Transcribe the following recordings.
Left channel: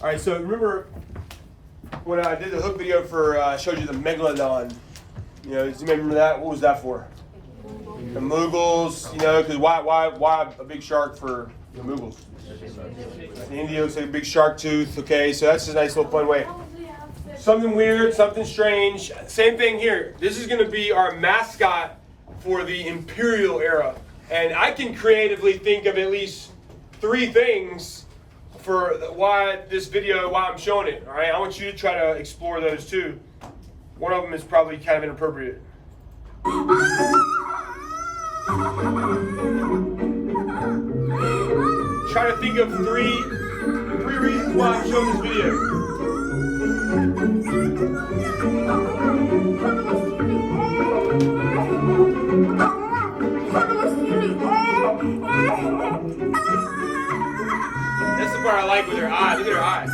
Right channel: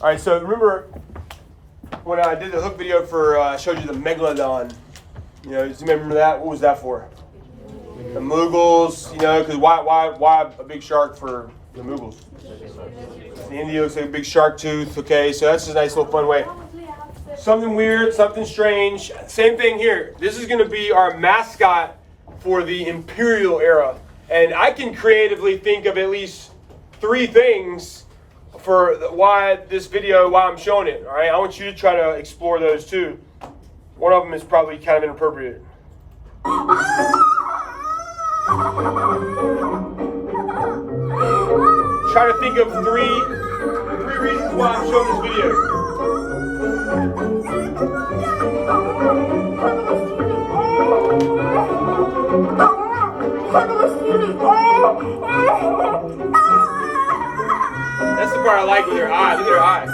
All right, so remember when I did the hook video for, showed you the megalodon. You know, do you remember that? What was that for? The Mughals, you know, because why a big shark for the Mughals? The India looks like a big shark tooth, okay, so that's a nice little fun way. Something weird, something strange. Same thing here. This is going to be our mascot for the Imperial era. And I can creatively think of at least 3 things for why I'm showing it, all right? I want you to try to explore those too. One of them is probably kind of inappropriate. Try to think of three reasons why I'm showing this video. That's the part I like with her eyes. Look at her eyes.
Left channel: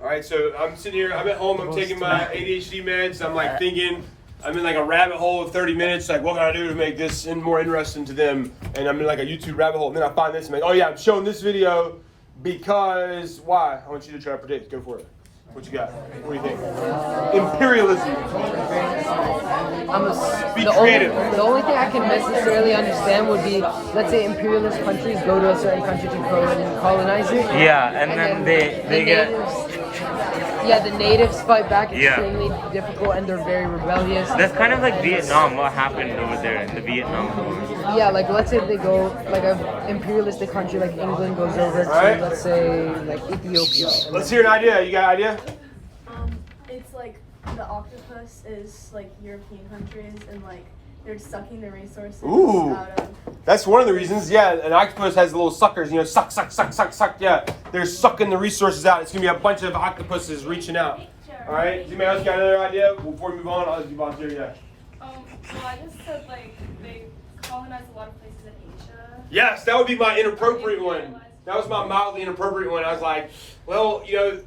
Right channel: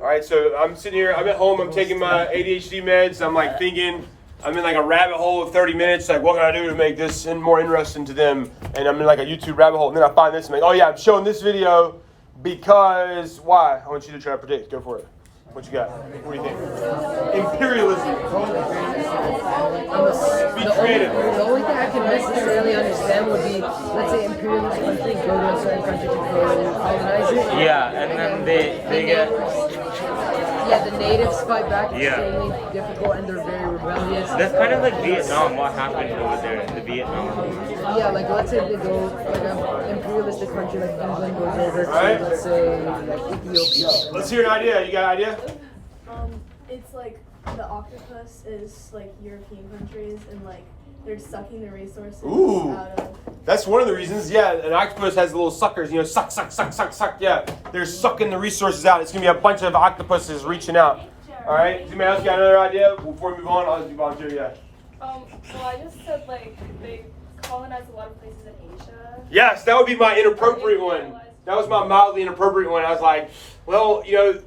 All right, so I'm sitting here, I'm at home, I'm taking my ADHD meds, I'm like thinking, I'm in like a rabbit hole of 30 minutes, like what can I do to make this more interesting to them? And I'm in like a YouTube rabbit hole, and then I find this and I'm like, oh yeah, I'm showing this video because, why? I want you to try to predict, go for it. What you got? What do you think? Imperialism. Be creative. The only thing I can necessarily understand would be, let's say imperialist countries go to a certain country to colonize it. Yeah, and then they get... Yeah, the natives fight back extremely difficult and they're very rebellious. That's kind of like Vietnam, what happened over there in the Vietnam. Yeah, like let's say they go, like an imperialistic country like England goes over to, let's say, like Ethiopia. Let's hear an idea. You got an idea? It's like the octopus is like European countries and like they're sucking the resources out of... That's one of the reasons. Yeah, an octopus has little suckers, you know, suck. Yeah, they're sucking the resources out. It's going to be a bunch of octopuses reaching out. All right, anybody else got another idea? Before we move on, I'll just do volunteer, yeah. Well, I just said like they colonized a lot of places in Asia. Yes, that would be my inappropriate one. That was my mildly inappropriate one. I was like, well, you know,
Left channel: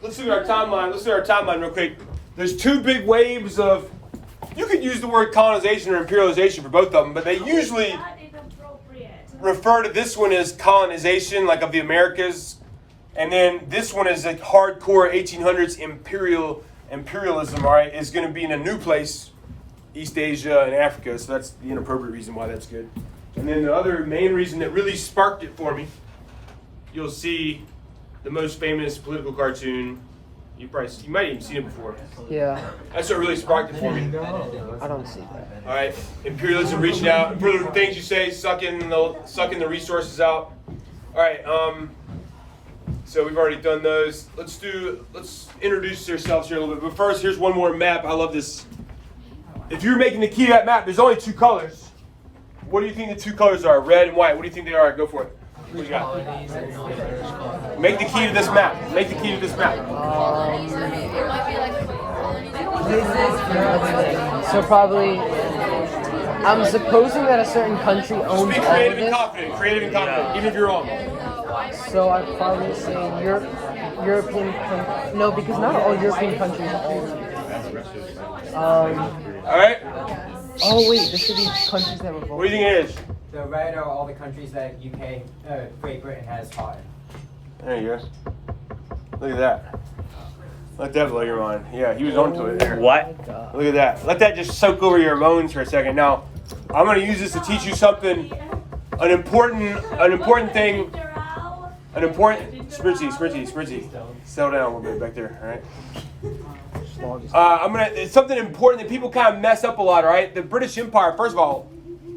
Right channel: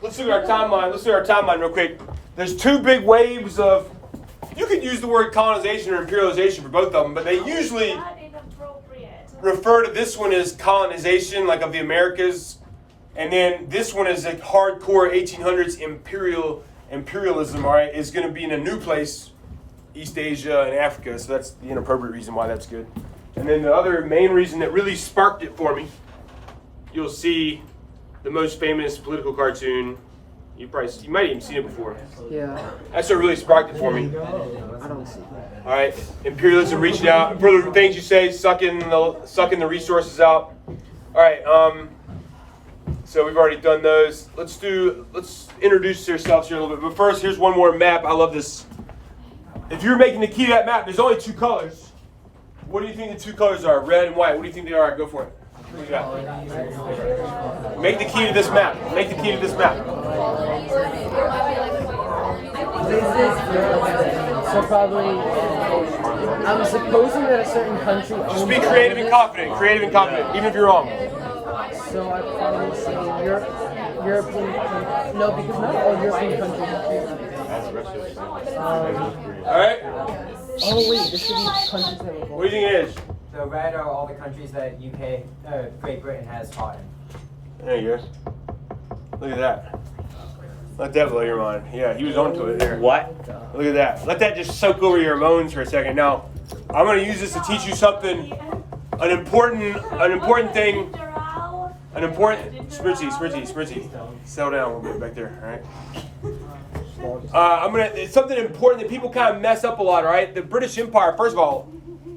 let's look at our timeline. Let's look at our timeline real quick. There's 2 big waves of... You could use the word colonization or imperialization for both of them, but they usually refer to this one as colonization, like of the Americas, and then this one is like hardcore 1800s imperialism. All right, is going to be in a new place, East Asia and Africa. So that's the inappropriate reason why that's good. And then the other main reason that really sparked it for me, you'll see the most famous political cartoon. You might even seen it before. Yeah. That's what really sparked it for me. I don't see that. All right, imperialism reaching out. For the things you say, sucking the resources out. All right. So we've already done those. Let's introduce yourselves here a little bit. But first, here's one more map. I love this. If you're making the key to that map, there's only 2 colors. What do you think the 2 colors are? Red and white. What do you think they are? Go for it. What do you got? Make the key to this map. Make the key to this map. So probably, I'm supposing that a certain country owns. Just be creative and confident. Creative and confident, even if you're wrong. So I'd probably say European. No, because not all European countries. All right. Oh wait, this should be countries that were. What do you think it is? The red are all the countries that Great Britain has fought in. There you go. Look at that. Let that blow your mind. Yeah, he was onto it there. What? Look at that. Let that just soak over your emotions for a second. Now, I'm going to use this to teach you something, an important thing, Spritzy. Settle down a little bit back there, all right? It's something important that people kind of mess up a lot, all right? The British Empire, first of all,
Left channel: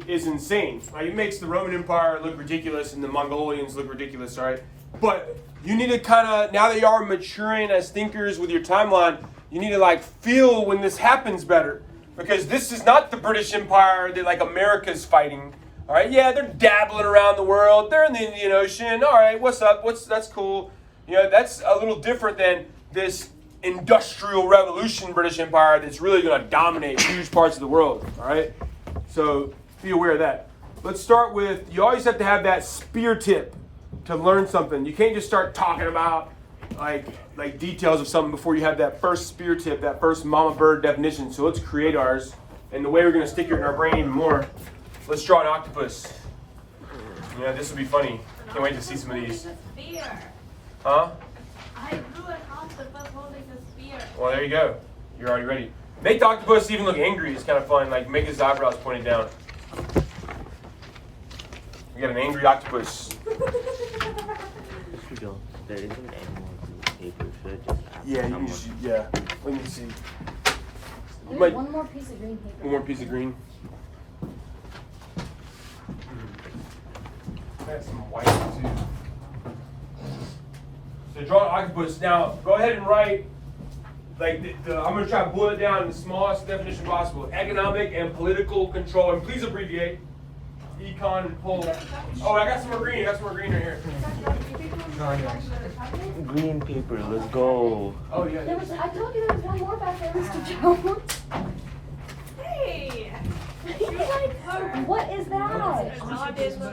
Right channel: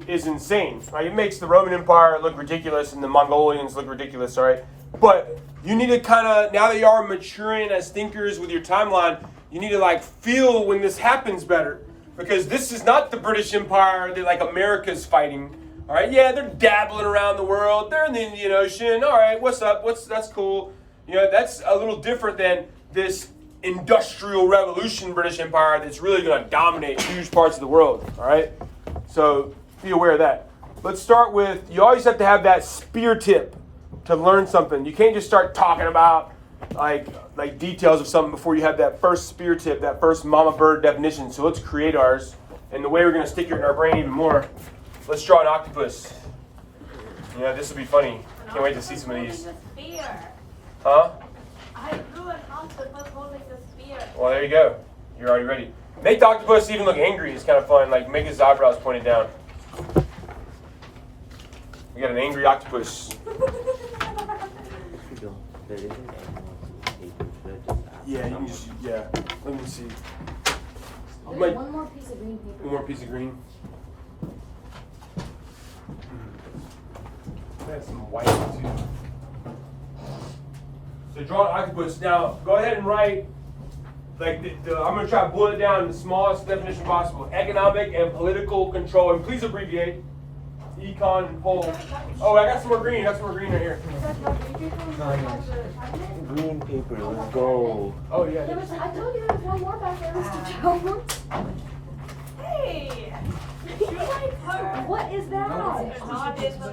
is insane. Right? It makes the Roman Empire look ridiculous and the Mongolians look ridiculous, all right? But you need to kind of, now that you are maturing as thinkers with your timeline, you need to like feel when this happens better. Because this is not the British Empire that like America's fighting. All right, yeah, they're dabbling around the world. They're in the Indian Ocean. All right, what's up? That's cool. You know, that's a little different than this industrial revolution British Empire that's really going to dominate huge parts of the world. All right, so be aware of that. Let's start with, you always have to have that spear tip to learn something. You can't just start talking about like details of something before you have that first spear tip, that first mama bird definition. So let's create ours. And the way we're going to stick it in our brain even more, let's draw an octopus. You know, this will be funny. Can't wait to see some of these. Huh? I drew an octopus holding the spear. Well, there you go. You're already ready. Make the octopus even look angry. It's kind of fun. Like, make his eyebrows pointed down. We got an angry octopus. Yeah, you can just, yeah. Let me see. There's one more piece of green paper. One more piece of green. I have some white too. So draw an octopus. Now, go ahead and write, like, I'm going to try to boil it down in the smallest definition possible. Economic and political control. And please abbreviate. Econ and pol. Oh, I got some more green. I got some more green right here. Green paper, let's go. Oh, yeah. I told you there was one more back there, Mr. Jones. Hey! What is that? No,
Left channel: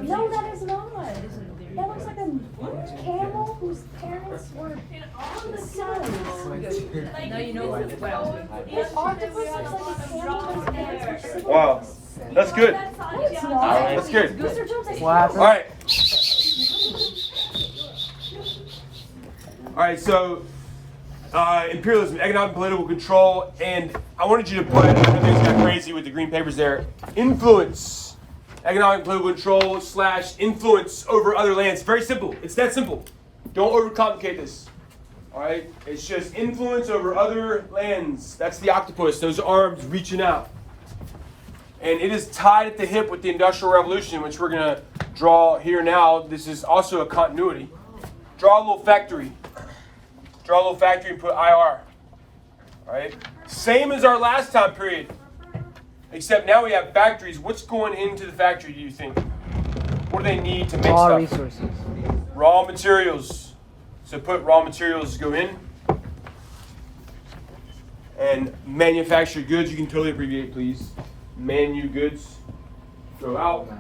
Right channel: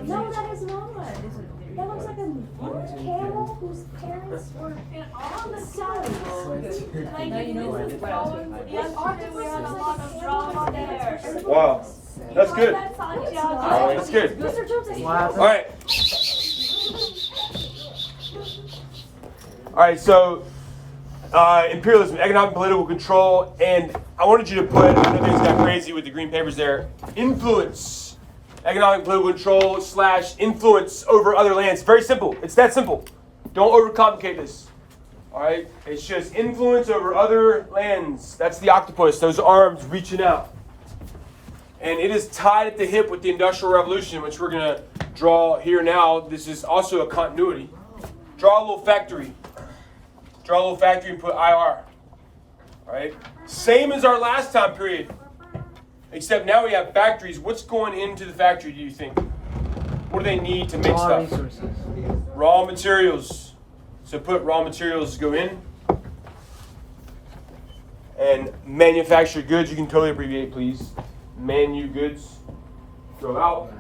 No, that is not. That looks like a camel whose parents were on the sons. Like, no, you know what? This octopus looks like a camel whose parents were siblings. Wow. That's good. That's good. Mr. Jones, I What happened? All right. All right, so imperialism, economic and political control, and I wanted you to put, I know things got crazy with the green papers there, influence, economic and political control / influence over other lands. Very simple. It's that simple. Don't overcomplicate this. All right? It's just influence over other lands. That's the octopus, those arms reaching out. And it is tied at the hip with the Industrial Revolution, which we're going to draw here now. This is also a continuity. Draw a little factory. Draw a little factory and put IR. All right? Same as our last time period. Except now we have factories. What's going into the factory, do you think? What do they need to make Raw stuff? resources. Raw materials. So put raw materials go in. And manufactured goods, you can totally abbreviate, please. Manu goods go out.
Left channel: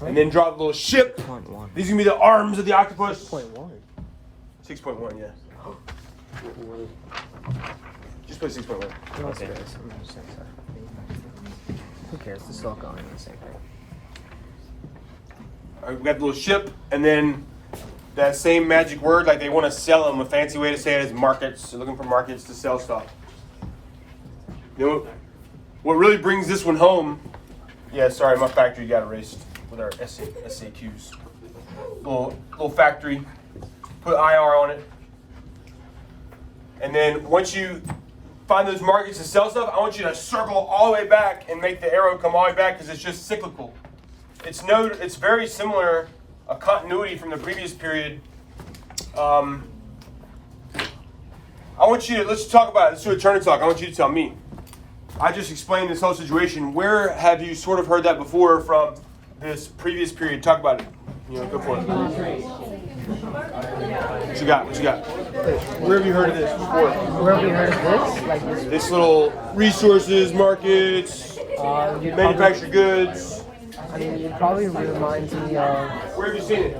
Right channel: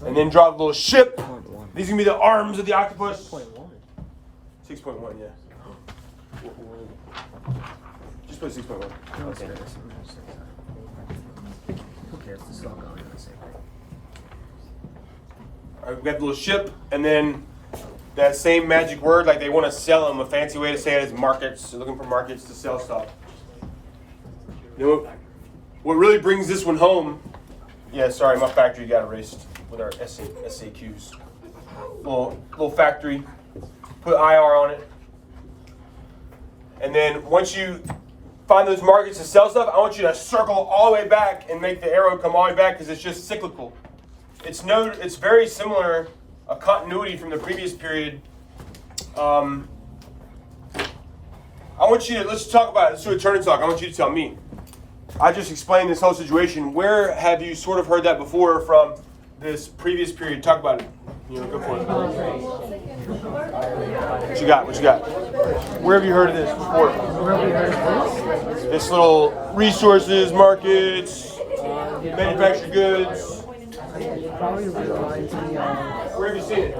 And then draw the little ship. These are going to be the arms of the octopus. 6.1, yeah. Just put 6.1. Who cares? This is all going in a second. All right, we got the little ship, and then that same magic word, like they want to sell them. A fancy way to say it is markets. They're looking for markets to sell stuff. You know, what really brings this one home, yeah, sorry, my factory got erased with our SAQs. Little factory, put IR on it. And then once you find those markets to sell stuff, I want you to circle all the way back and make the arrow come all the way back because it's just cyclical. It's very similar, a continuity from the previous period. I want you to, let's talk about it. Let's do a turn and talk. I want you to tell me. I just explained this whole situation. Where have you sort of heard that before from this previous period? Talk about it. You know, go for it. What you got? What you got? Where have you heard of this before? Where have we heard of this? This little resources, markets, manufactured goods. I mean, it probably reminds me of. Where have you seen it? I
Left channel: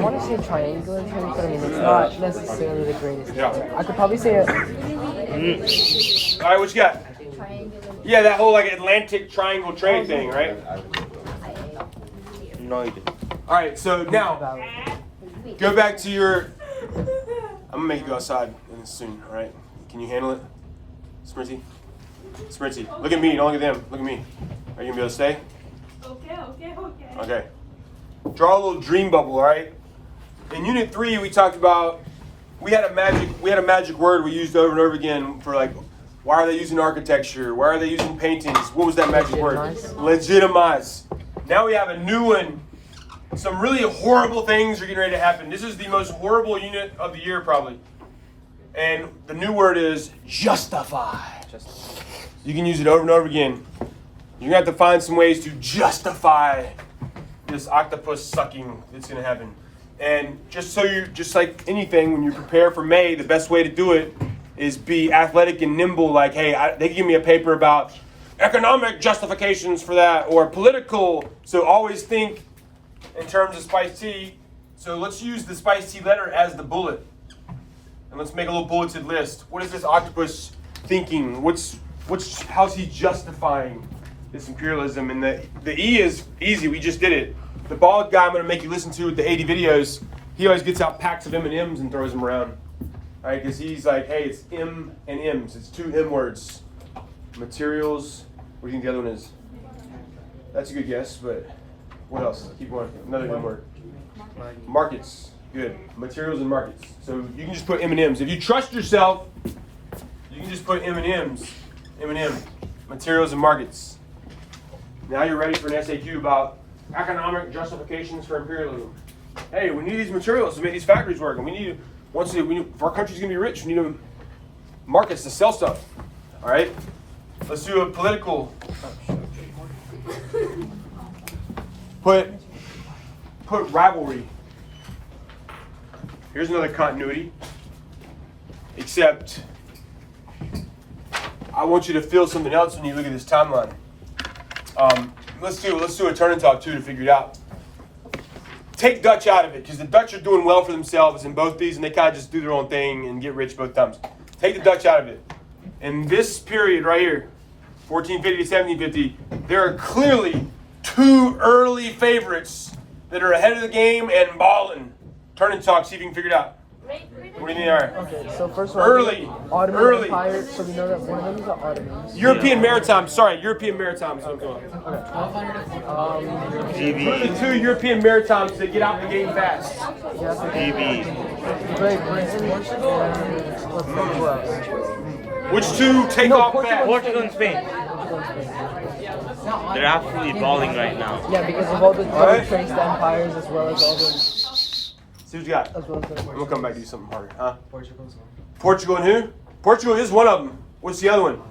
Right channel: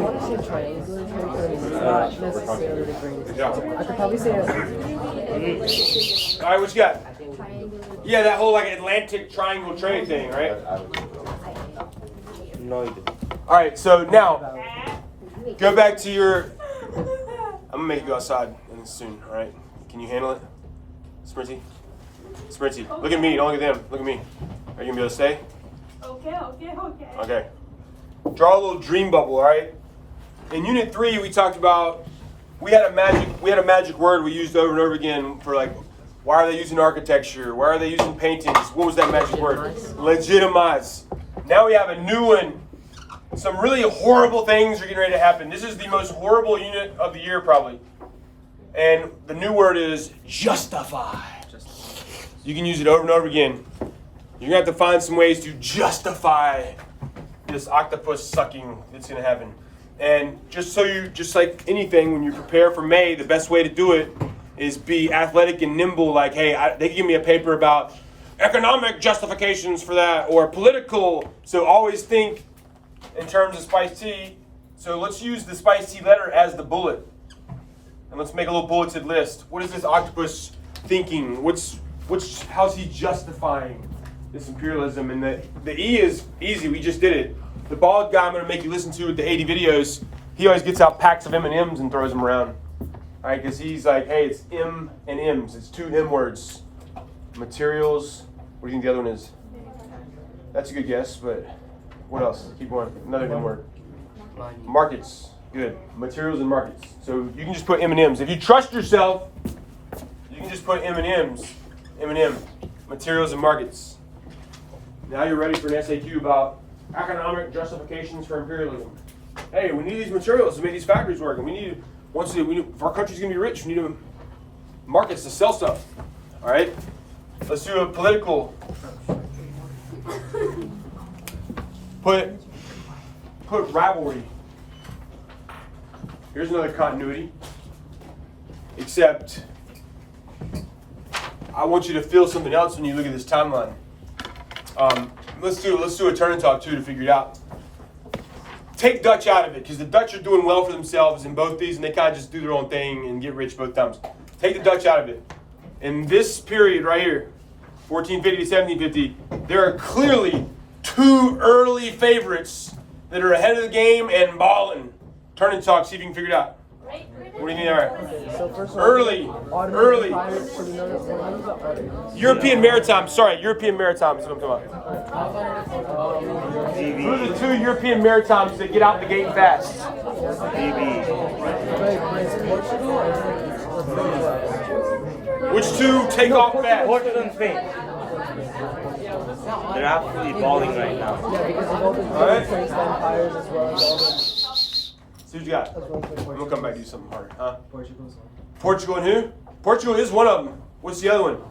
want to say triangular trade, but I mean, it's not necessarily the greatest. Yeah. I could probably say it. All right, what you got? Yeah, that whole like Atlantic triangle trade thing, right? No idea. All right, so now go back to your. I'm gonna make you go outside and soon. All right, can you handle it, Smriti? Smriti, look at me. Don't look at them. Look at me. Are you gonna be able to stay? Okay. Okay. Draw a little dream bubble. All right. In Unit 3, we talked about we had a magic word we used over and over again for like. Why are they using architecture? Why are they using paintings? What was that magic word? Legitimize. Now we have a new one. Some really horrible things are getting ready to happen. This is the most horrible unit of the year, probably. And the new word is justify. You can use it over and over again. You're going to have to find some ways to justify this octopus sucking that's going to happen. And just like anything, when you prepare for May, the best way to do it is be athletic and nimble. Like, hey, they give me a paper about economic justifications for that or political. So always think in terms of spiced tea. So let's use the spicy letter as the bullet. And let's make a little bulleted list. What is this octopus thinking? How's he justifying this imperialism? And the E is easy. We just did it. The bald guy I'm going to make you listen to with the 80 videos, he always gets out packs of M&Ms and throws them around. All right, because he's like, hey, it's M and M's. It's 2 M words. Materials. What do you think the other one is? That's a good guess, but what else? Keep going. Another M word. Markets. Good. Materials and markets. So you can just put M&Ms. If you trust yourself, you can just put M&Ms. M&M. Materials and markets. Now you're ready for an SAQ about economic justifications for imperialism. Hey, we need these materials to make these factories work. And if our country's going to be rich, we need markets to sell stuff. All right? Let's do a political. Put rivalry. Here's another continuity. Except, I want you to feel something else when you look at this timeline. Let's do a turn and talk too to figure it out. Take Dutch out of it, because the Dutch are doing well for themselves in both these, and they kind of just do their own thing and get rich both times. Take the Dutch out of it. In this period right here, 1450 to 1750, there are clearly 2 early favorites that are ahead of the game and balling. Turn and talk, see if you can figure it out. What do you mean? All right. Okay, so first of all, Early. Ottoman Empire, so we know that one of them is the Ottomans. European maritime. Sorry, European maritime. Is what I'm talking about. Who are the 2 European maritimes that get out the gate fast? Great Britain and Which 2 take off fast? Portugal and Spain. They're absolutely balling right now. Yeah, because of all the Turkish empires as well as all the. See what you got. As well as the We'll come back and do something harder. Huh? Portugal's one. Portugal and who? Portugal is one of them. What's the other one?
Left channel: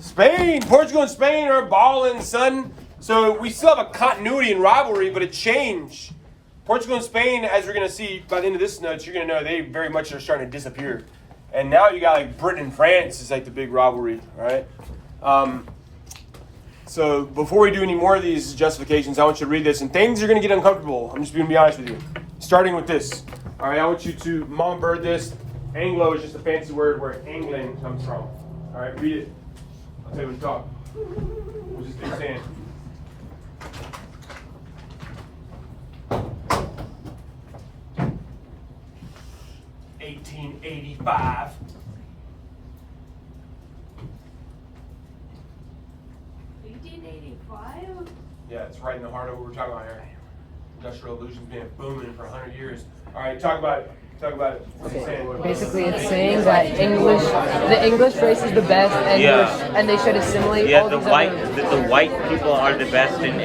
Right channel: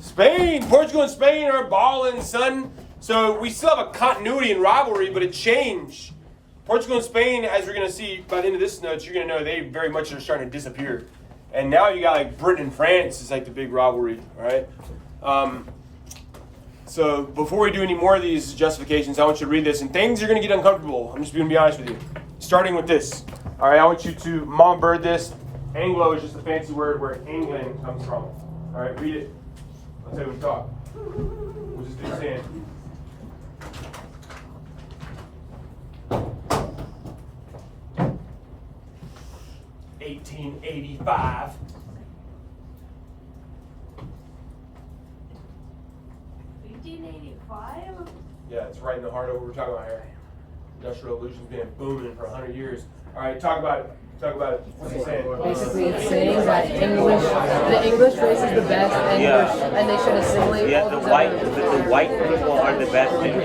Spain. Portugal and Spain are balling, son. So we still have a continuity and rivalry, but a change. Portugal and Spain, as we're going to see by the end of this note, you're going to know they very much are starting to disappear. And now you got like Britain and France is like the big rivalry, all right? So before we do any more of these justifications, I want you to read this. And things are going to get uncomfortable. I'm just going to be honest with you. Starting with this. All right, I want you to mom bird this. Anglo is just a fancy word where England comes from. All right, read it. I'll tell you when you talk. We'll just keep saying. $1885. Yeah, it's right in the heart of what we're talking about here. Industrial Revolution's been booming for 100 years. All right, talk about it. Talk about it. What's he saying? Basically, it's saying that the English race is the best, and they should assimilate all the these white people are the best, and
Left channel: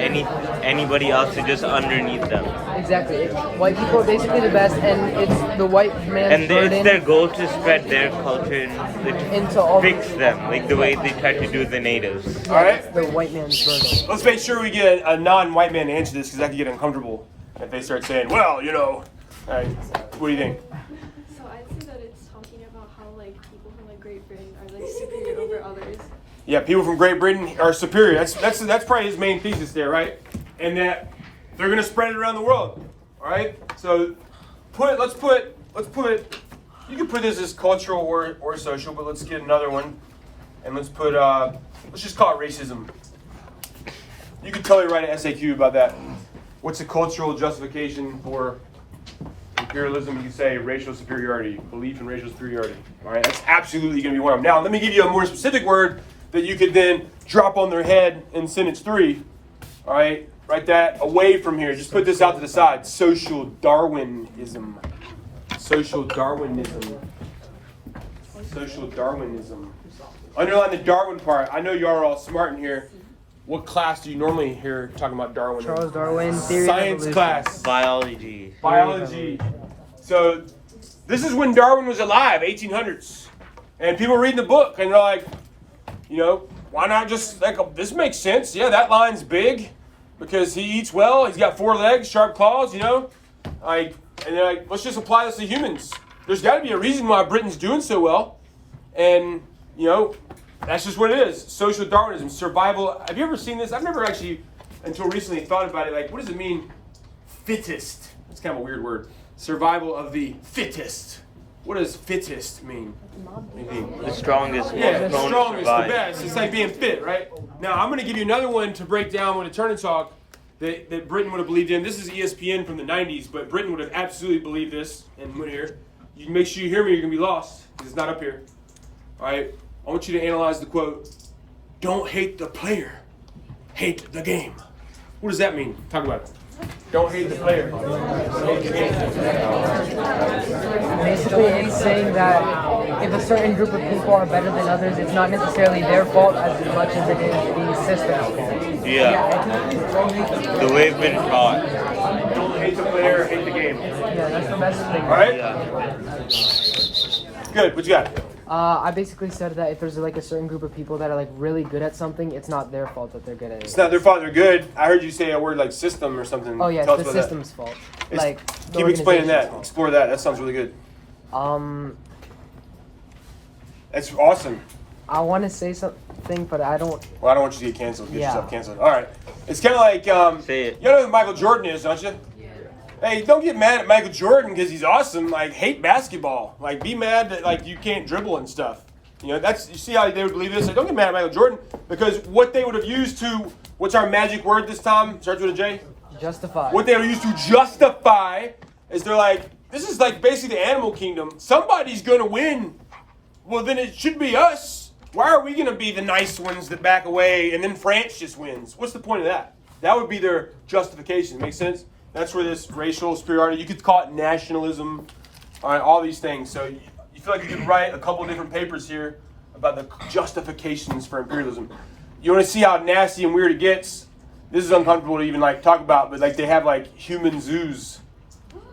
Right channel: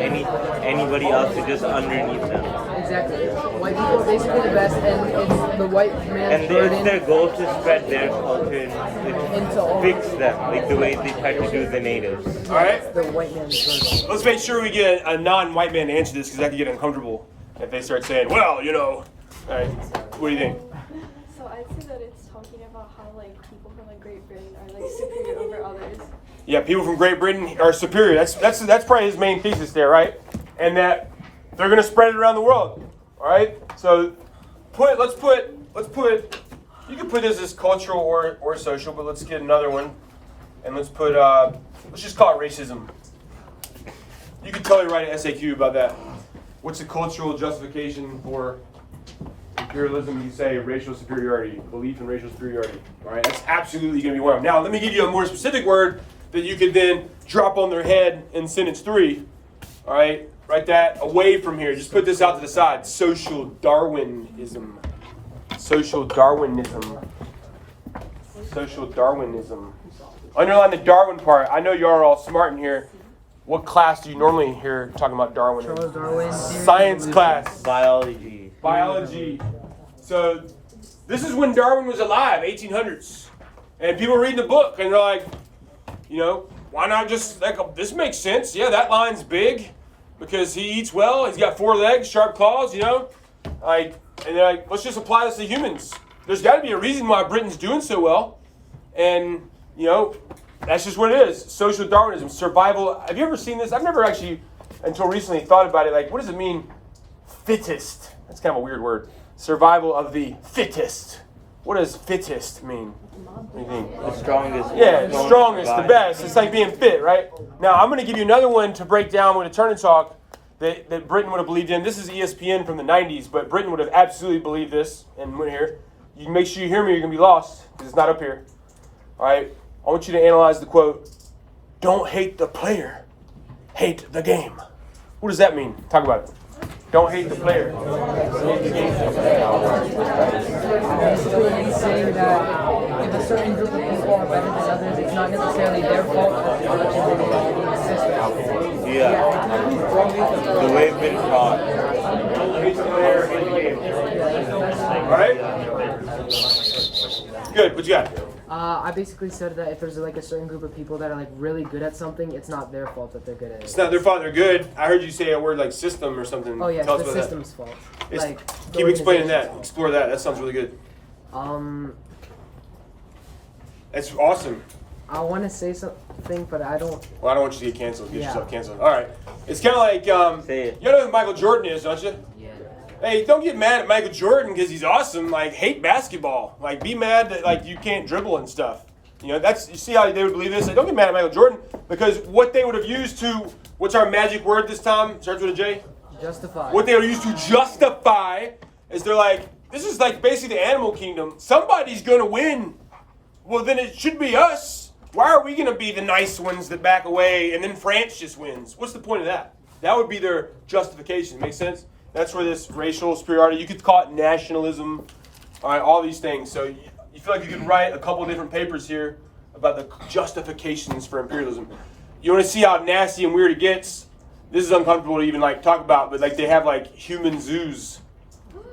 anybody else is just underneath them. Exactly. White people are basically the best, and it's the white man's And burden. it's their goal to spread their culture and Into all fix them, like the way they try to do the natives. All right? The white man's burden. Let's make sure we get a non-white man to answer this, because I can get uncomfortable if they start saying, well, you know. All right, what do you think? So I'd say that it's talking about how like people from like Great Britain are like superior over others. Yeah, people from Great Britain are superior. That's probably his main thesis there, right? And that they're going to spread it around the world. All right. So let's put. You can put this as cultural or social, but let's get another one, and let's put. Let's just call it racism. You could totally write an SAQ about that. What's the cultural justification for imperialism? You can say racial superiority, belief in racial superiority. All right, that's absolutely going to be one of them. Now, let me give you a more specific word that you could then drop on their head in sentence 3. All right, write that away from here. Just put this out to the side. Social Darwinism. Social Darwinism. Social Darwinism. Underline the Darwin part. I know you are all smart in here. What class do you normally hear talking about Darwin? Charles Darwin, theory Science of evolution. class. Biology. Biology. So this is when Darwin was alive, 1800s. And people reading the book and they're like, you know, why not just, like, this makes sense. Yeah, that line's big because he eats well. He's got 4 legs, sharp claws, you know. Like, and they're like, let's just apply this to humans. There's got to be a reason why Britain's doing so well. And, you know, that's just what it is. Social Darwinism, survival. Have you ever seen this? I've never actually, until recently, thought about it. Like, what does it mean, fittest? That's kind of a weird word. Survival of the fittest. What does fittest mean? What do you think? The strongest. Yeah, the strongest, the best. It's like being fit, right? Now, I'm going to give you another one to break down with a turn and talk that Britain would have believed in. This is ESPN from the 90s, but Britain would have absolutely believed this. And here, you make sure you hear me, you're going to be lost because it's not up here. All right? I want you to analyze the quote. Don't hate the player, hate the game. What does that mean? Talk about it. Don't hate the player. Basically, he's saying that if a certain group of people are better than others, it's not necessarily their fault as much as it is the system. Yeah. The way it's been taught. Don't hate the player, hate the game. All right? Good. What you got? I basically said that if there's like a certain group of people that are like really good at something, it's not their fault that they're good at it. It's not their fault they're good. I heard you say a word like system or something. Oh yeah, Tell it's us the about system's fault. that. Like Keep explaining that. Explore that. That sounds really good. That's awesome. I want to say something, but I don't. Well, I don't want you to get canceled. Get Yeah. yourself canceled. All right. It's kind of like Say it. you know who Michael Jordan is, don't you? Hey, don't get mad at Michael Jordan because he's awesome. Like, hate basketball. Like, be mad that like you can't dribble and stuff. You know, that's you see how they would believe this. Like, don't get mad at Michael Jordan because what they would have used to what's our magic word this time? Starts with a J. Justify. What they would use to justify is they're like, this is like basically the animal kingdom. Somebody's going to win. Well, then it should be us. Why are we going to be the nice ones that back away and then France just wins? What's the point of that? That would be their justification. Make sense? That's where this racial superiority, you could call it nationalism, all right, all these things. So you feel like you could write a couple different papers here about the justifications for imperialism. You want to see how nasty and weird it gets? This is uncomfortable to even like talk about, but like they have like human zoos.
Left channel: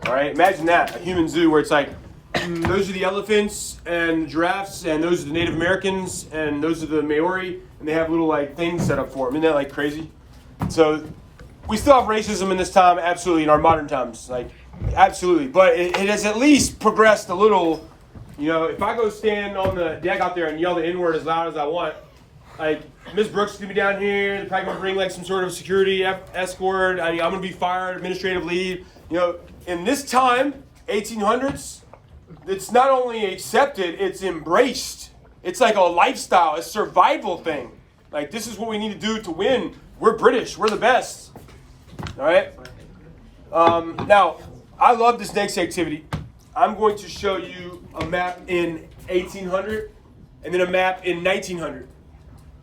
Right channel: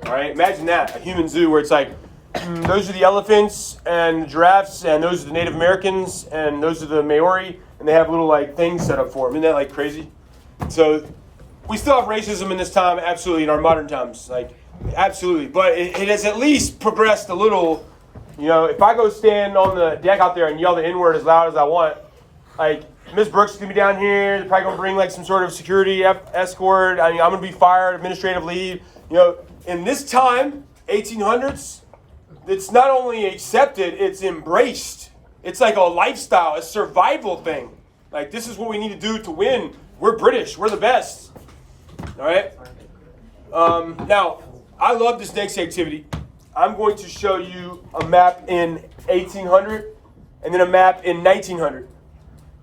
All right, imagine that, a human zoo where it's like, those are the elephants and the giraffes, and those are the Native Americans, and those are the Maori, and they have little like things set up for them. Isn't that like crazy? So we still have racism in this time, absolutely, in our modern times, like absolutely. But it has at least progressed a little. You know, if I go stand on the deck out there and yell the N-word as loud as I want, like Miss Brooks is gonna be down here. They're probably gonna bring like some sort of security escort. I mean, I'm gonna be fired, administrative leave. You know, in this time, 1800s, it's not only accepted, it's embraced. It's like a lifestyle, a survival thing. Like, this is what we need to do to win. We're British. We're the best. All right? Now, I love this next activity. I'm going to show you a map in 1800 and then a map in 1900.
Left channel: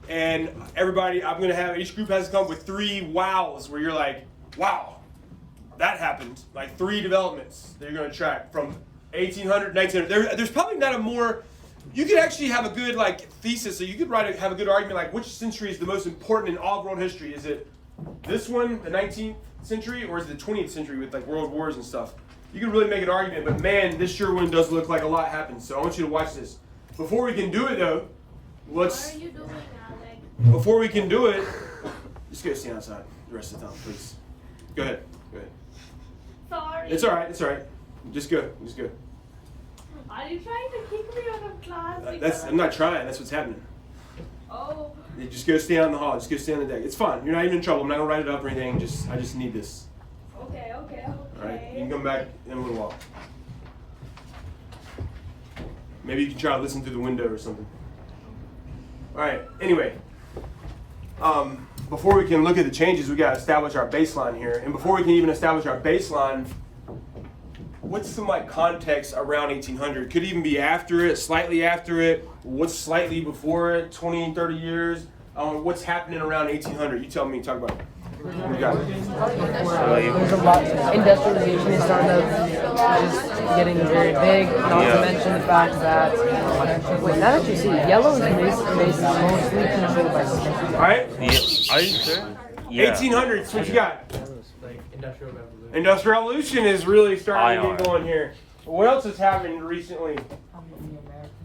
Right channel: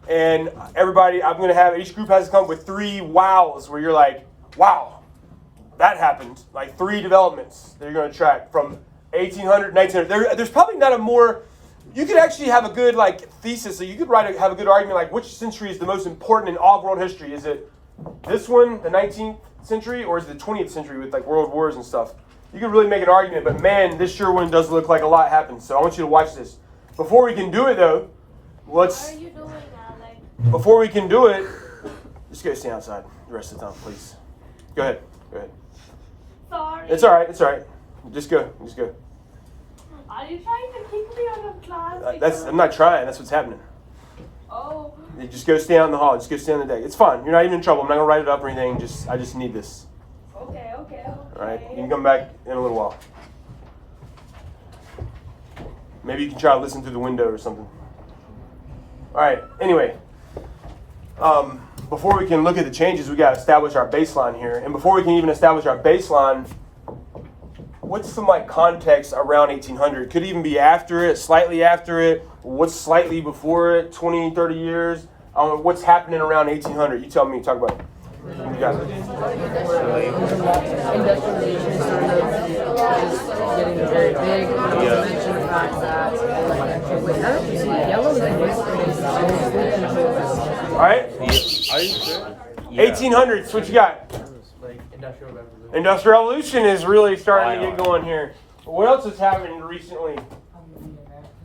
And everybody, I'm going to have, each group has to come up with 3 wows where you're like, wow, that happened. Like 3 developments that you're going to track from 1800, 1900. There's probably not a more, you could actually have a good like thesis, so you could have a good argument like which century is the most important in all of world history. Is it this one, the 19th century, or is it the 20th century with like world wars and stuff? You could really make an argument, but man, this sure one does look like a lot happened. So I want you to watch this. Before we can do it though, Why are you doing that? Like, before we can do it, just go stand outside the rest of the time, please. Go ahead. sorry. It's all right. It's all right. Just go. Are you trying to kick me out of class? I'm not trying. That's what's happening. Oh. You just go stand out in the hall. Just go stand on the deck. It's fine. You're not even in trouble. I'm not gonna write it up or anything. I just need this. Okay. All right. You can come back in a little while. Maybe you can try to listen through the window or something. All right. Anyway, before we can look at the changes, we got to establish our baseline here. And before we can even establish our baseline, what's some like context around 1800? Could even be after it, slightly after it. What's slightly before it? 20, 30 years. What's happening around 1800? You tell me. Talk about it. You got it. Industrialization is starting to just getting very big. Not to mention the fact that when that happens, yellow is mostly controlled by something. All right. Are you sure? 1800s. What you got? Industrial Revolution is really starting to get going here. What else is happening recently?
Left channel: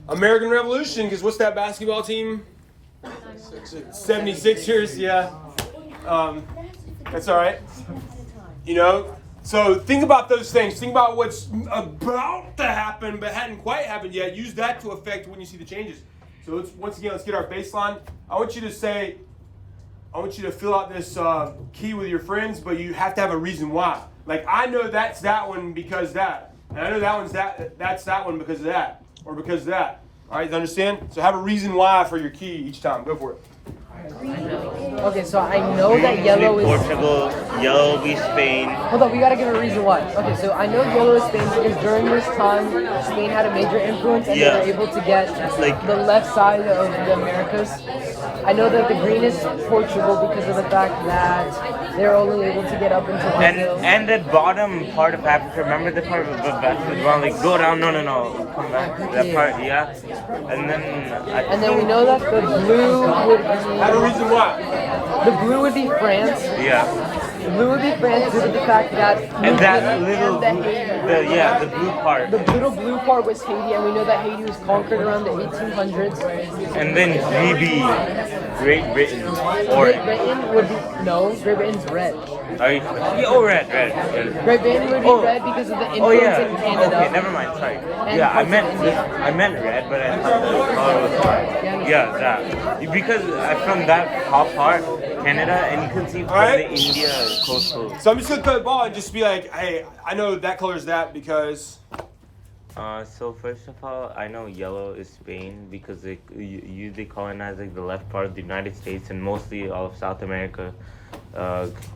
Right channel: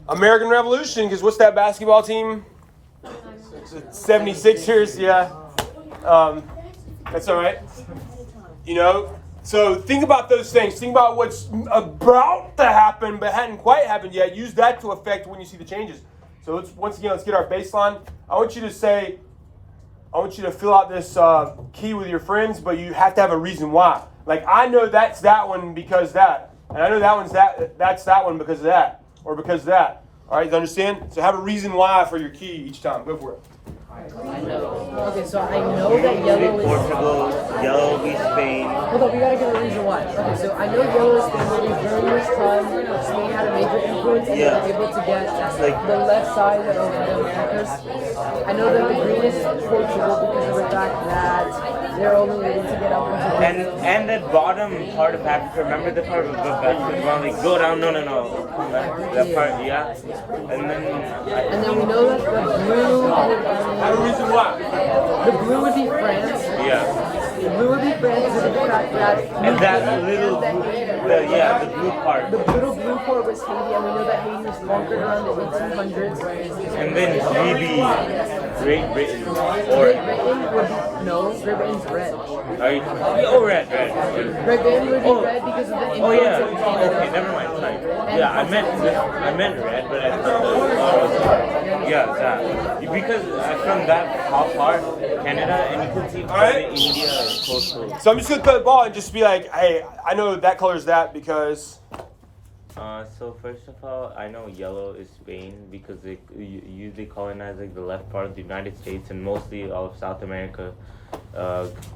American Revolution, because what's that basketball team? 76ers, yeah. That's all right. You know, so think about those things. Think about what's about to happen but hadn't quite happened yet. Use that to affect when you see the changes. So let's get our baseline. I want you to fill out this key with your friends, but you have to have a reason why. Like I know that's that one because that, and I know that one's that's that one because of that, or because of that. All right, you understand? So have a reason why for your key each time. Go for it. Okay, so I know that yellow is. Portugal, yellow will be Spain. Hold on, we gotta give a reason why. Okay, so I know yellow is Spain because during this time, Spain had a major influence and they were able to get the left side of the Americas. I know that the green is Portugal because of the fact that they're only able to get up into Brazil. And the bottom part of Africa, remember the part like go down, no. That part, yeah. And then we know that the blue would Have a reason why. the blue would be France. Yeah. The blue would be France due to the fact that And that little blue, the blue part. the little blue part was Haiti, and we know that Haiti was conquered around the 1800s. And then GB, Great Britain. Great Britain would be Great Britain's red. Red. Great Britain would be red because of the influence in Okay, Canada. never mind. Sorry. Yeah, I meant red, but that. Because from that top part, Canada, and you can see Alright. India is coastal. So I'm just gonna throw the ball and just be like, hey, I know that color's that because. So first of all, I know yellow is Spain because they usually colonized like the left part of the United States and mostly all of South America.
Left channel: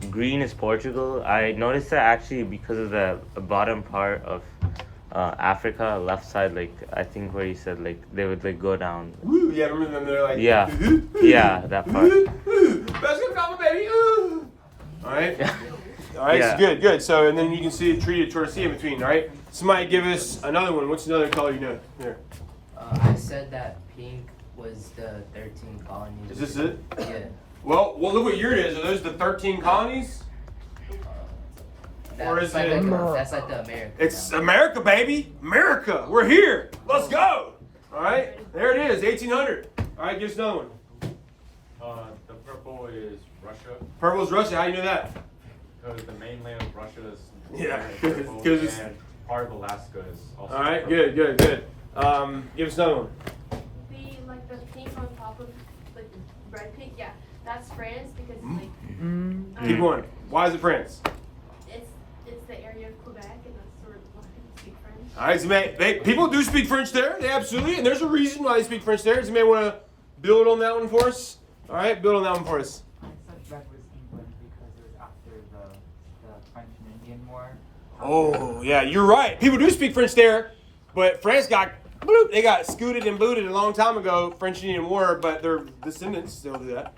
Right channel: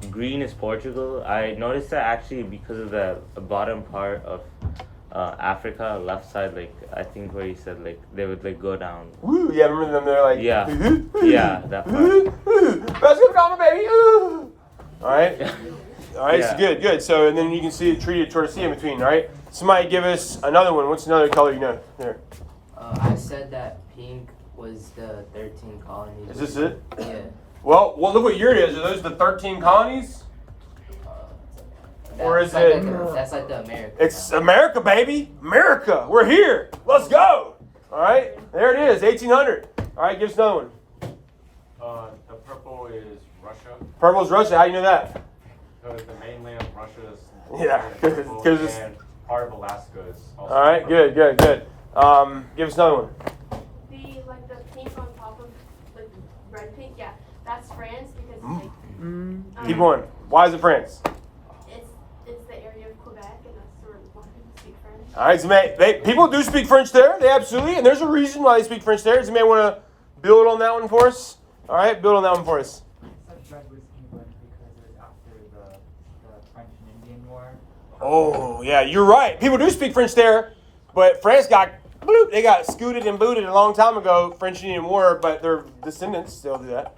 Green is Portugal. I noticed that actually because of the bottom part of Africa, left side, like I think where he said like they would like go down. Woo, yeah, remember them? They're like, Yeah, yeah, that part. Let's go, call me, baby. Ooh. All right, Yeah. So good. So and then you can see a tree to see in between. All right, somebody give us another one. What's another color you know? Here, I said that pink was the 13 colonies. is this it? Yeah. Well, look what year it is. Are those the 13 colonies? Or is That's it? That's like the American. It's America, baby. America. We're here. Let's go. All right, there it is, 1800. All right, give us another one. The purple is Russia, Purple's Russia. How do you know that? because the mainland of Russia is Yeah, purple, 'cause it's- and part of Alaska is also All right, purple. good. Give us another one. The pink on top of the red pink, yeah, that's France because like Keep going. Why is it France? it's the area of Quebec and that's where a lot of people speak French. All right, so people do speak French there. They absolutely, and there's a reason why they speak French there. Does anybody want to build on that one for us? All right, build on that one for us. Red was England because it was after the French and Indian War. Oh, yeah, you're right. People do speak French there, but France they got scooted and booted a long time ago, French and Indian War, but their descendants still do that.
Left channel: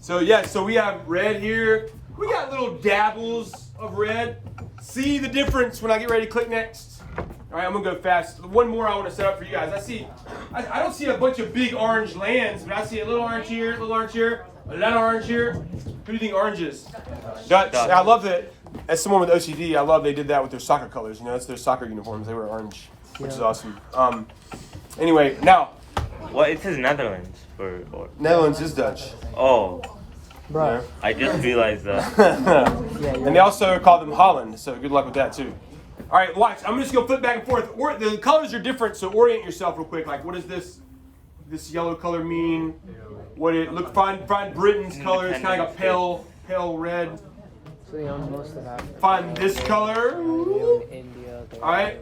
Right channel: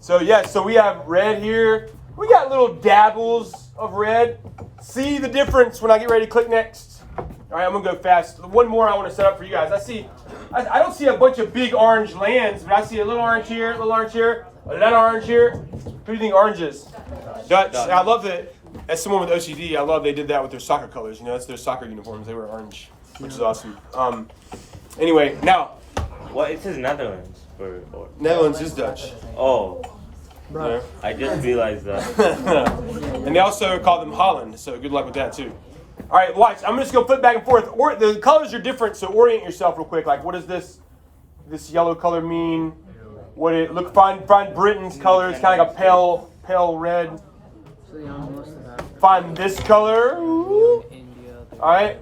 So, yes, so we have red here. We got little dabbles of red. See the difference when I get ready to click next? All right, I'm going to go fast. One more I want to set up for you guys. I don't see a bunch of big orange lands, but I see a little orange here, a little orange here, a lot of orange here. Who do you think orange is? Dutch. I love that. As someone with OCD, I love they did that with their soccer colors. You know, it's their soccer uniforms. They were orange, which is awesome. Anyway, now. Well, it says Netherlands for. Netherlands is Dutch. Oh, Right. I just realized that. And they also call them Holland, so good luck with that too. All right, watch. I'm just gonna flip back and forth. The colors are different, so orient yourself real quick. Like, what does this yellow color mean? Find Britain's color. It's kind of like a pale red. So they own most of Africa. Find this color. They own India. They All right.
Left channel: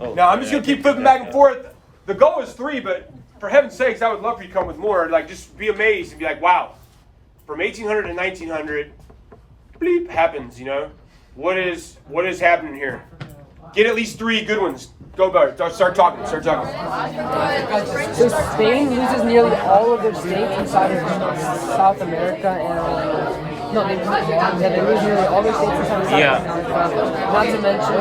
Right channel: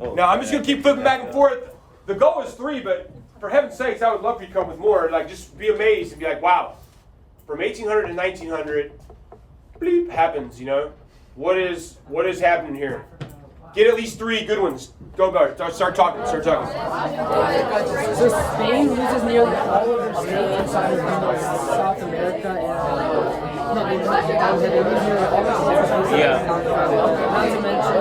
Oh, Now I'm just gonna keep flipping back and forth. The goal is 3, but for heaven's sakes, I would love for you to come with more. Like, just be amazed and be like, wow. From 1800 to 1900, bleep happens. You know, what is happening here? Get at least 3 good ones. Go, Bart. Start talking. So Spain loses nearly all of their states inside of South America and they lose nearly all their states inside of South America. Not to mention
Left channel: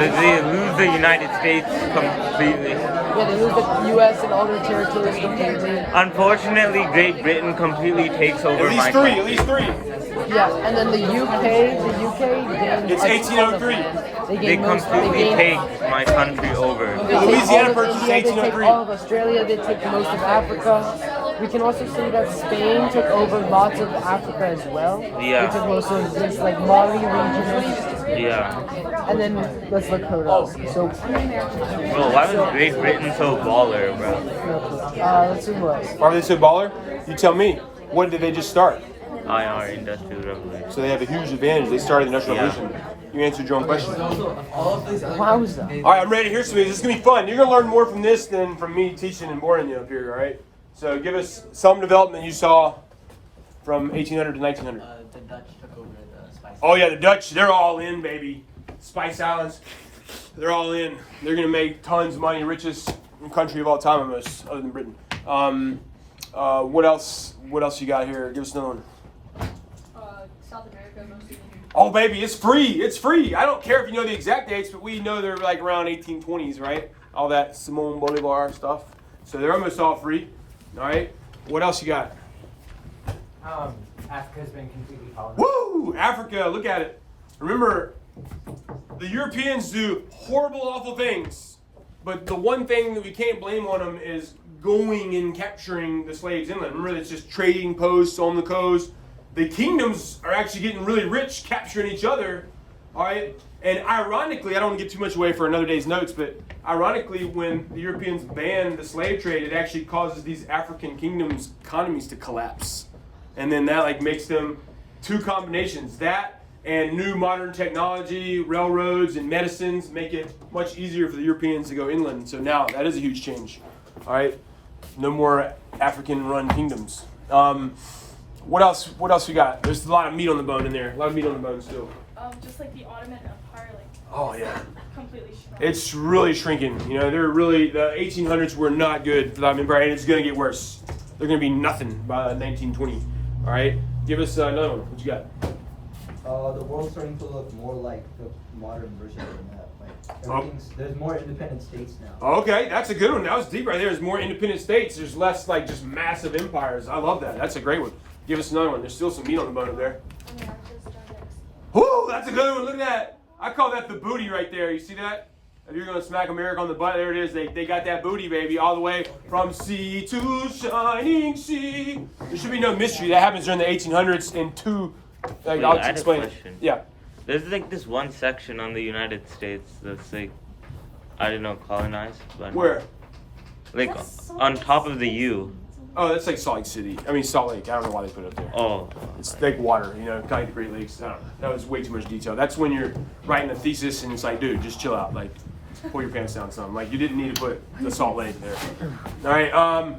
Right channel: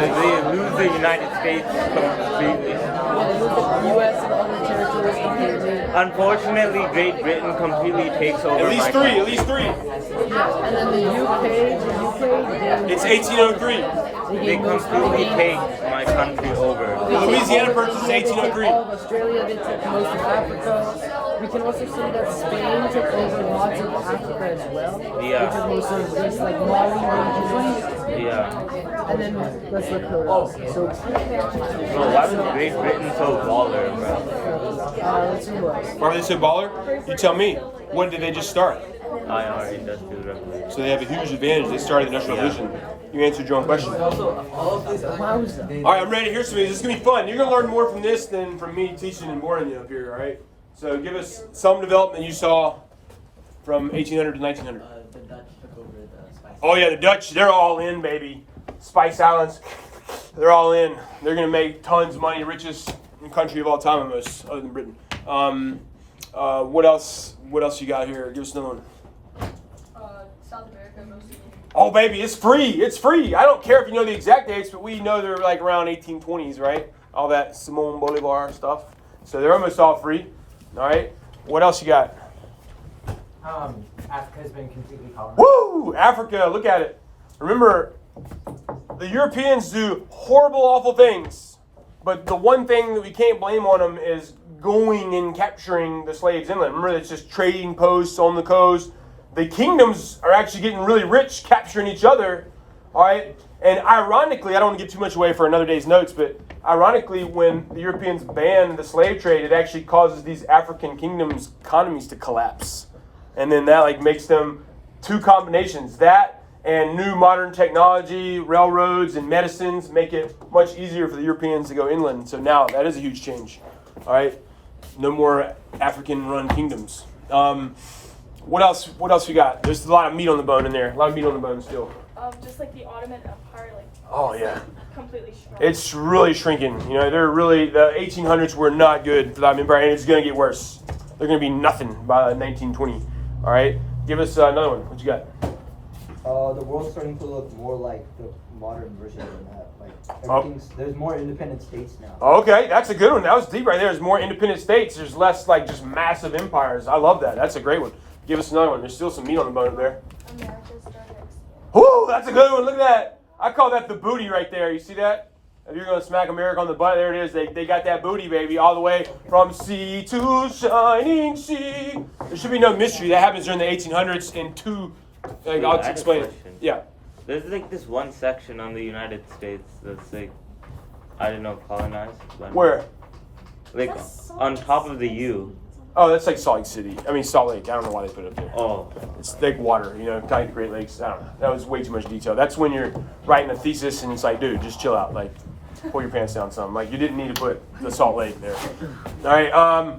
They lose the United States completely. they lose the U.S. and all their territories completely. Unfortunately, Great Britain completely takes over. At least three. Yeah, and then the UK, It's 1803. They completely take my country over. Louisiana purchased They take 1803. all of Australia, they take most of Africa. We can also see that Spain took over lots of Africa as well. Yeah. Which is most of this like Mali region. Yeah. And then let's look who else. So Why is Great Britain so baller, bro? let's see who else. Why are they so baller? You tell me. When did they just start? Our Industrial Revolution. So they have a huge advantage. They started the Industrial Revolution. You answered your own question. Wowza. All right, I'm ready to hear some of these. This is going to be fun. You're going to learn more from this than from me teaching and boring you up here, all right? So give us some development you saw from 1800 to 1900. The Dutch took over the spice. Oh, yeah, the Dutch, they're all in, baby. Spice Islands, they're all in. They're going to make tons of money, richest country of all time almost, other than Britain. What else you got here? Give us another one. South America, mostly. Oh, baby, it's free. It's free. I don't care if you know the exact dates, but we know they're like around 1820s, right? All that Simon Bolivar stuff. So they're almost all free. All right. What else you got? Africa's been completely colonized. Woo! Africa, look at it. Remember, the Europeans do horrible, awful things. But the one thing that we can't blame on them is going and capturing the slaves inland. Remember, it's just trading posts on the coast. The kingdoms are actually getting really rich capturing each other. All right. And ironically, I don't want to give too much away for another day's notes, but ironically, when the Europeans banned the slave trade, it actually causes these African kingdoms' economies to collapse. And then that like makes them two combinations. That and new modern technology, railroads and medicines make it much easier for the Europeans to go inland. So now that is a huge change. All right. No more African-run kingdoms. What else we got? There's a lot of meat on the bone in there. A lot of meat on the bone still. Just like the Ottoman Empire, like Oh, yeah. completely shrunk. It's really shrinking. You know, the 1800s were not good for the Ottoman Empire, and it's going to get worse. They're going to be nothing by 1920. All right? Give us another one. What you got? The world's starting to look more like the modern version of that. Like, there's more independent states now. Okay, that's a good one. That was deep right there. There's more independent states. There's less, like, just massive empires. I love that. That's a great one. Give us another one. There's still some meat on the bone there. Whoo, that's a good one. Look at that. I call that the booty right there. You see that? If you're going to smack America on the butt, there it is. They got that booty, baby, all the way from sea to shining sea. There should be no mystery. That happens during the 1800s in two. I'll explain it. Yeah. There's like this one section on the United States that's like, I don't know, colonized. But Where? like on top of the U. Oh, that's like Salt Lake City. I mean, Salt Lake. I don't know why they put it up there. Oh. It's like water, you know, kind of Great Lakes. I don't know. That was way too much detail. That's when you're writing a thesis and it's like, dude, just chill out. Like, pull your pants down some. Like, you didn't need to put the Salt Lake there. All right.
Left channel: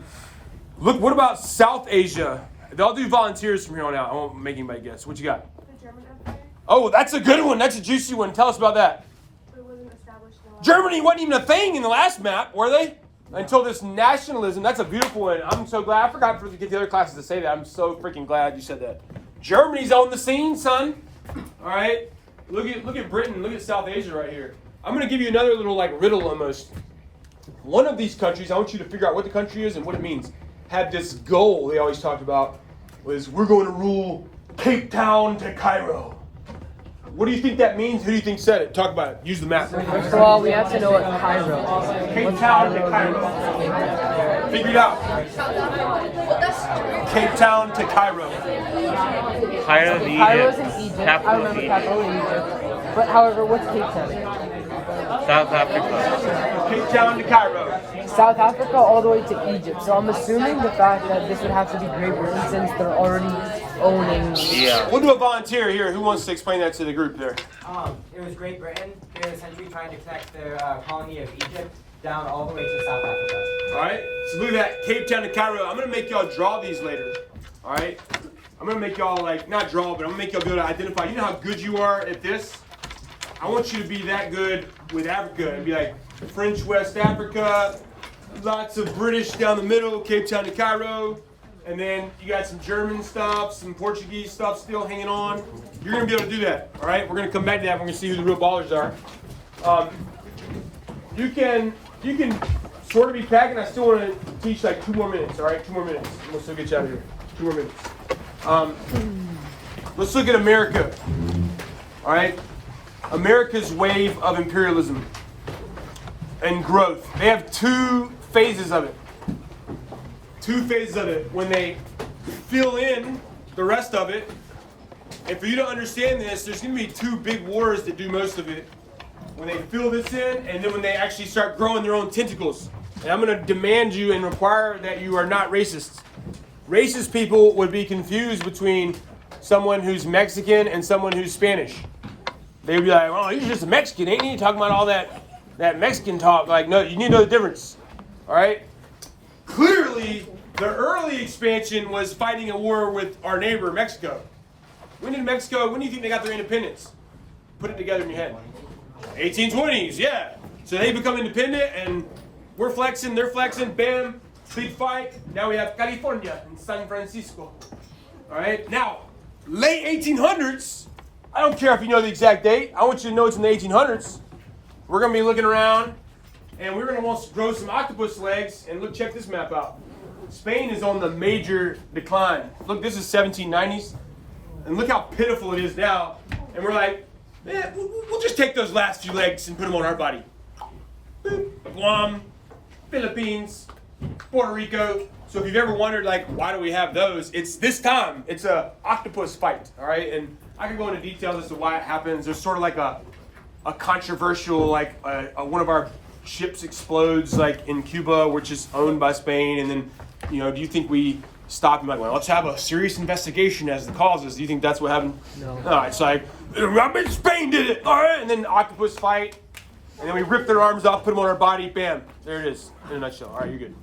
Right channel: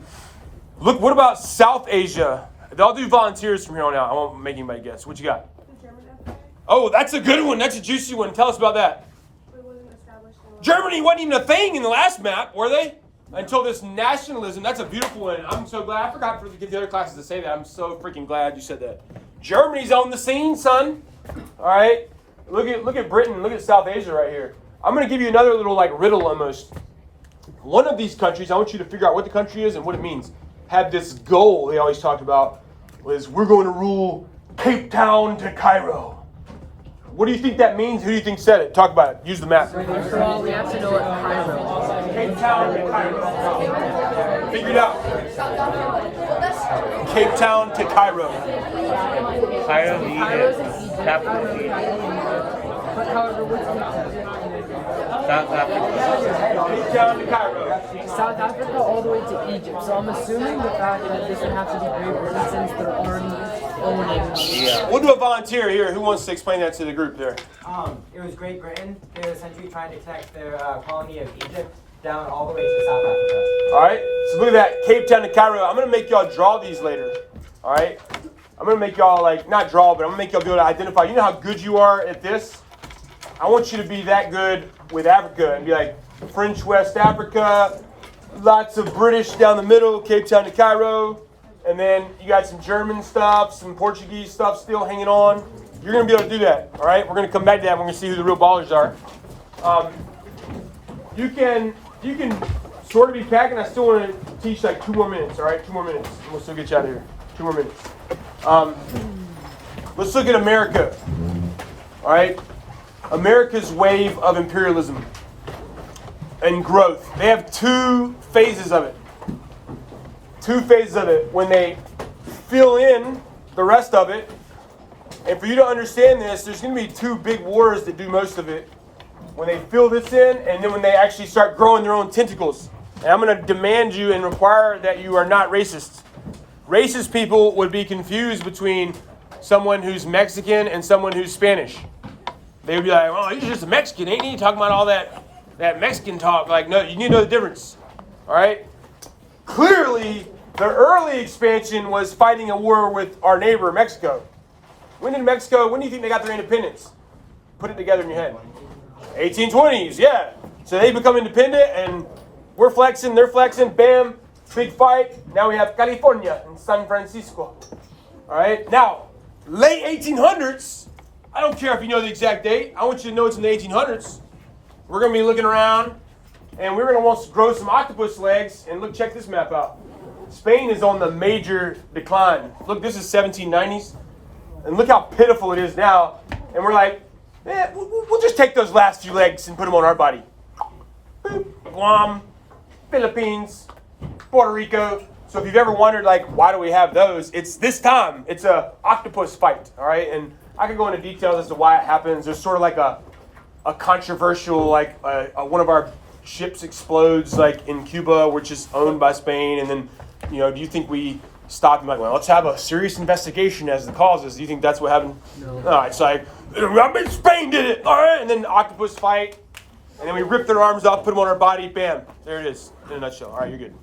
Look, what about South Asia? They'll do volunteers from here on out. I won't make anybody guess. What you got? The German Empire. Oh, that's a good one. That's a juicy one. Tell us about that. It wasn't established in Germany wasn't even a thing in the last map, were they? Until this nationalism. That's a beautiful one. I'm so glad. I forgot for the other classes to say that. I'm so freaking glad you said that. Germany's on the scene, son. All right. Look at Britain. Look at South Asia right here. I'm going to give you another little like riddle almost. One of these countries, I want you to figure out what the country is and what it means. Had this goal they always talked about was we're going to rule Cape Town to Cairo. What do you think that means? Who do you think said it? Talk about it. Use the map. First of all, we have to know what Cairo is. Cape Town to Cairo. Figure it out. Cape Town to Cairo. Cairo, Cairo's in Egypt. I Capital remember Egypt. Cairo in Egypt. But however, what's Cape Town? South Africa. Cape Town to Cairo. South Africa all the way to Egypt. So I'm assuming the fact that this would have to be Great Britain since they're already owning. Yeah. We'll do a volunteer here. Who wants to explain that to the group there? It was Great Britain during the century trying to connect their colony of Egypt down all the way to South Africa. All right. So look at that. Cape Town to Cairo. I'm going to make y'all draw these later. All right. I'm going to make y'all like, not draw, but I'm going to make y'all be able to identify. You know how good you are at this? I want you to be that good with Africa and be like French West Africa, lots of British down the middle, Cape Town to Cairo. And then you got some German stuff, some Portuguese stuff still hanging on. You're going to be able to do that, all right? We're going to come back to that. We're going to see who the real ballers are. You can sort of be packing. I still want to teach like 2 more minutes, all right? 2 more minutes. And we'll still get you out of here. 2 more minutes. Let's look at America, all right? America's wave of imperialism and growth. They have 2 phases of it. 2 phases of it. When they fill in the rest of it, and for you to understand this, there's going to be 2 big wars that do most of it. When they fill this in, and then when they actually start growing their own tentacles. And I'm going to demand you and require that you are not racist. Racist people would be confused between someone who's Mexican and someone who's Spanish. they would be like, "Oh, he's just a Mexican, ain't he? Talking about all that Mexican talk." Like, no, you need to know the difference. All right. Clearly, the early expansion was fighting a war with our neighbor Mexico. When do you think they got their independence? Put it together in your head. 1820s, yeah. So they become independent, and we're flexing, they're flexing, bam, big fight. Now we have California and San Francisco. All right. Now, late 1800s. I don't care if you know the exact date. I want you to know it's in the 1800s. We're going to be looking around, and we're going to want to grow some octopus legs. And look, check this map out. Spain is on the major decline. Look, this is 1790s. And look how pitiful it is now. And we're like, man, we'll just take those last few legs and put them on our body. Boop. Guam, Philippines, Puerto Rico. So if you've ever wondered, like, why do we have those? It's this time. It's a octopus fight, all right? And I could go into details as to why it happens. There's sort of like a controversial, like, one of our ships explodes, like, in Cuba, which is owned by Spain. And then, you know, do you think we stop and be like, well, let's have a serious investigation as the causes? Do you think that's what happened? No. No, it's like, Spain did it, all right? And then octopus fight. And then we rip their arms off, put them on our body, bam. There it is, in a nutshell. All right, you're good.